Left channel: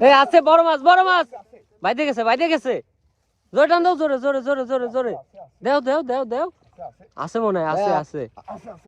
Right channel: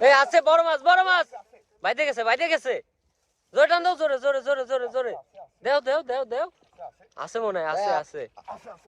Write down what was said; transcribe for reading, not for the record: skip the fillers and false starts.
এই আছে বড় মাছ বাইতে গেছে জোরে টান দাও জোরে জোরে জোরে জোরে জোরে দেও দেও দেও দেও আছে মনে হয় আছে আছে